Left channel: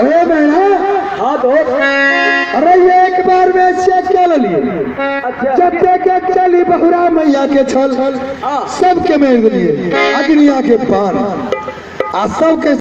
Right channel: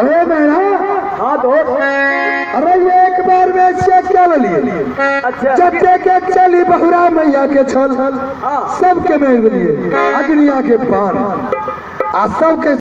अरे मेरा हाँ दोस्त। अरे ये एक बार में चेक क्या लिए अच्छा जब के चली बहुरा मैया के छल सबके में लिए अग्निया के पार आ सबके